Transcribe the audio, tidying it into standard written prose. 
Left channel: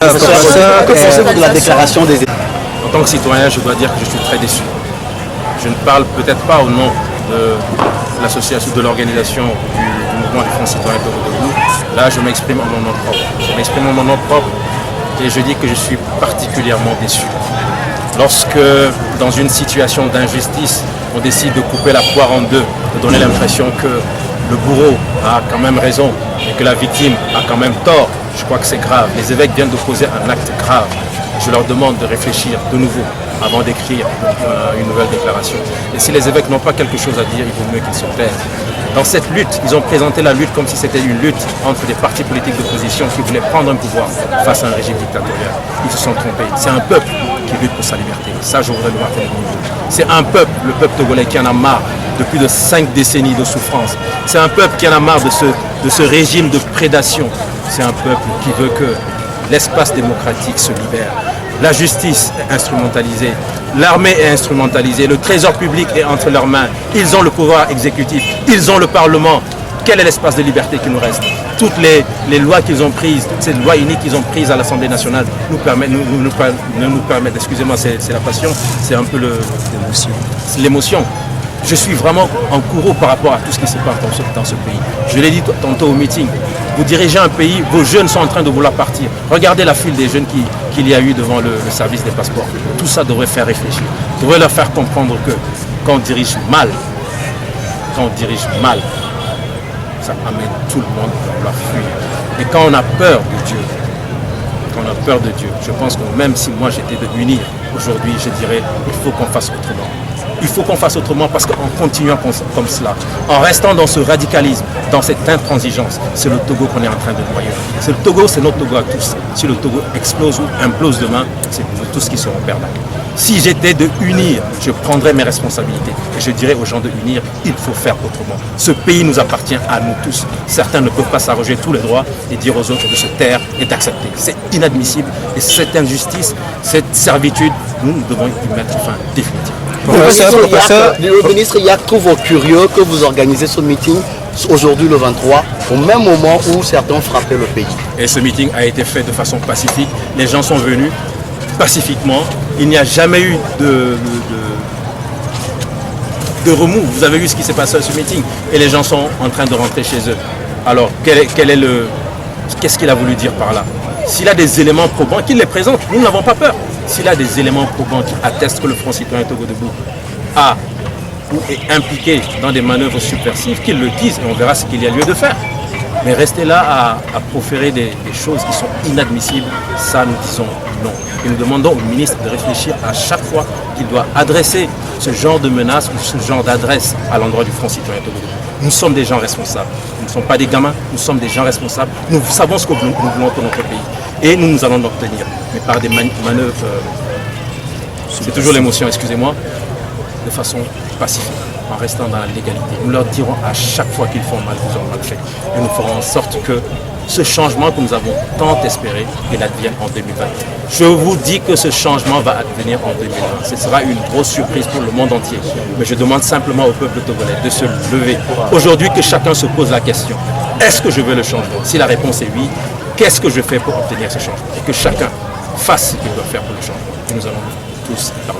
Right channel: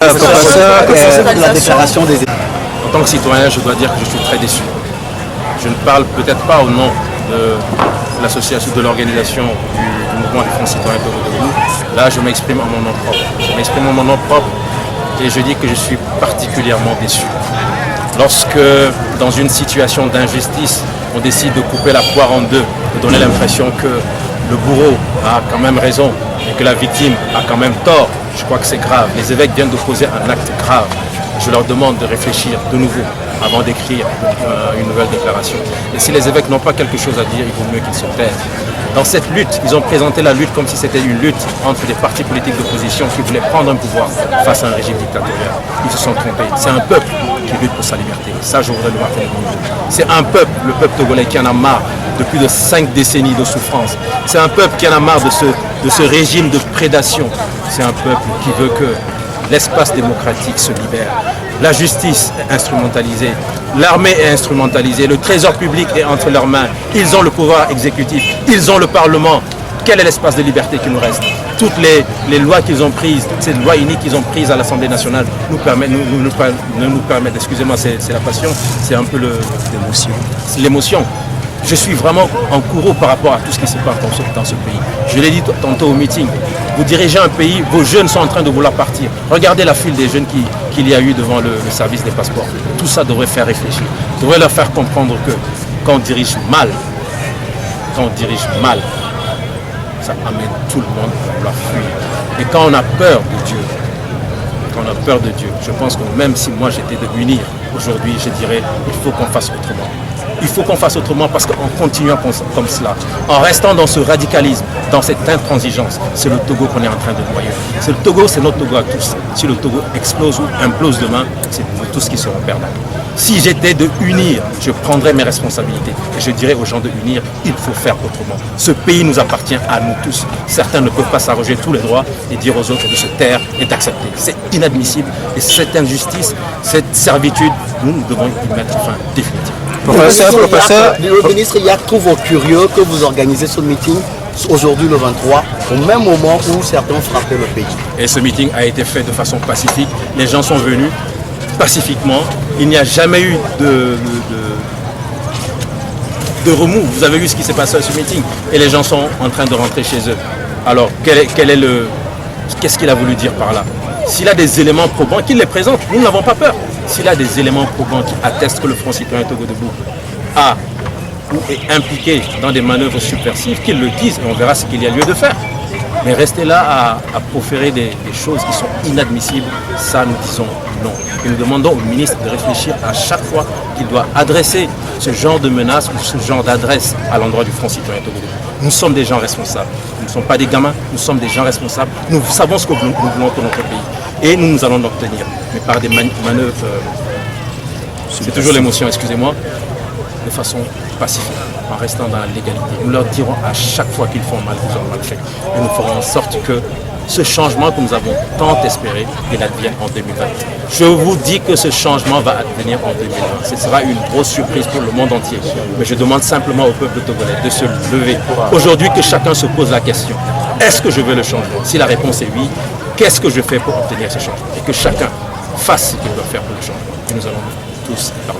De la déclaration des... En tant que citoyen, je dois dire que je suis très déçu. Je ne parle peut-être pas au nom de l'association, de l'organisation du mouvement du Front citoyen Togo Debout. Là, je m'exprime en mon nom propre. Je m'exprime en mon nom propre et je dis que je suis particulièrement déçu. Lorsque, dans une situation d'injustice, on décide de couper la poire en deux, de donner l'impression que le bourreau a quand même raison et que la victime a quand même tort, je crois que c'est grave. Les évêques viennent de poser un acte grave. Je leur demande de réfléchir de nouveau avant d'écrire une nouvelle déclaration. Et si les évêques n'ont pas quelque chose à dire, il vaut mieux qu'ils se taisent. Dans cette lutte, ils ont présenté la lutte comme si c'était une lutte entre des partis politiques d'opposition qui voulaient prendre un pouvoir face à un régime dictatorial. Ils se sont trompés. C'est un peuple qui lutte pour sa liberté. Ça, je voudrais le voir. C'est un peuple, le peuple togolais, qui en a marre de plus de 5 décennies de souffrance. C'est un peuple qui en a marre de ce régime de prédation. C'est un peuple qui veut que l'espace démocratique se libère. La justice est instrumentalisée, l'armée est instrumentalisée, le trésor public est entre leurs mains. Ils ont le pouvoir exécutif, ils ont le Parlement. Quel est l'espace de liberté qui nous reste? Toutes les lois qu'ils ont prises, toutes ces lois uniques qu'ils ont prises à l'Assemblée nationale nous permettent, excusez-moi, c'est la passion, c'est un peu l'émotion. Je suis vraiment en courroux par rapport à tout ce qui se passe dans ce pays. Je l'ai dit tantôt au meeting. Vous dirigez un pays, vos jeunes sont en train de vouloir partir. Regardez la file des jeunes qu'il y a eu devant le service des passeports. Tout ça devrait faire réfléchir. Devrait leur faire comprendre que quand on dirige mal, ça amène tout le monde à vouloir fuir. Et quand on a peur de Dieu, je pense que même si moi j'étais de m'unir, aujourd'hui je dirais il faut qu'on fasse autrement. Il faut qu'on fasse autrement parce qu'en continuant comme cela, en restant dans ce radicalisme, dans cette intransigeance, c'est le Togo qu'on est en train de noyer. C'est le Togo, c'est notre Togo à tous. Si le Togo explose ou implose demain, c'est nous tous qui serons perdants. Si j'étais de unir, je prendrais mes responsabilités et je dirais aux gens de unir, il faut faire autrement. Ce pays nous appartient à nous tous. Certains ne peuvent pas s'arroger tous les droits et dire aux autres de se taire et d'accepter. C'est inadmissible et cette injustice, cette servitude, nous devons y mettre fin définitivement. Le ministre Yak trouve curieux que vous organisez ce meeting aujourd'hui le 23, au même moment où certains frappaient le pays. Et ce meeting a été fait de façon pacifique. Les gens sont venus pacifiquement. Il n'y a jamais eu de remous. Vous avez vu ce qui s'est passé à ce meeting. Et les gens sont en train de rentrer chez eux. Alors, qu'est-ce qu'il a voulu dire par là? S'il a des éléments probants, qu'il les présente. Nous n'avons pas peur. S'il a des éléments probants qui attestent que le Front citoyen Togo Debout a ou est impliqué dans des manœuvres subversives, qu'il le dise et on verra ce qu'il y a lieu de faire. Mais rester là à proférer des choses qui sont inadmissibles, ça nous disons non. Et nous demandons au ministre de réfléchir à chaque fois qu'il doit adresser ce genre de menaces ou ce genre d'adresse à l'endroit du Front citoyen Togo Debout. Nous sommes des gens responsables. Nous ne sommes pas des gamins, nous sommes des gens responsables. Nous savons ce que nous voulons pour notre pays. Et nous allons l'obtenir. Mais par des manœuvres, c'est toujours l'émotion, excusez-moi, de façon pacifique, en restant dans la légalité. Nous leur dirons à chaque fois qu'ils font mal, qu'ils ont mal fait. Et nous ferons en sorte que ce changement que nous avons tant espéré, il advienne en 2020. Je vous dis que ce changement va advenir en 2020. Ce sera une grosse surprise pour le monde entier. Mais je demande simplement au peuple togolais de se lever. Aujourd'hui, que chacun se pose la question. Est-ce que je veux le changement? Si la réponse est oui, qu'est-ce que je fais pour obtenir ce changement? Et que chacun fasse ce qu'il doit faire pour le changement. Et nous allons tous y parvenir.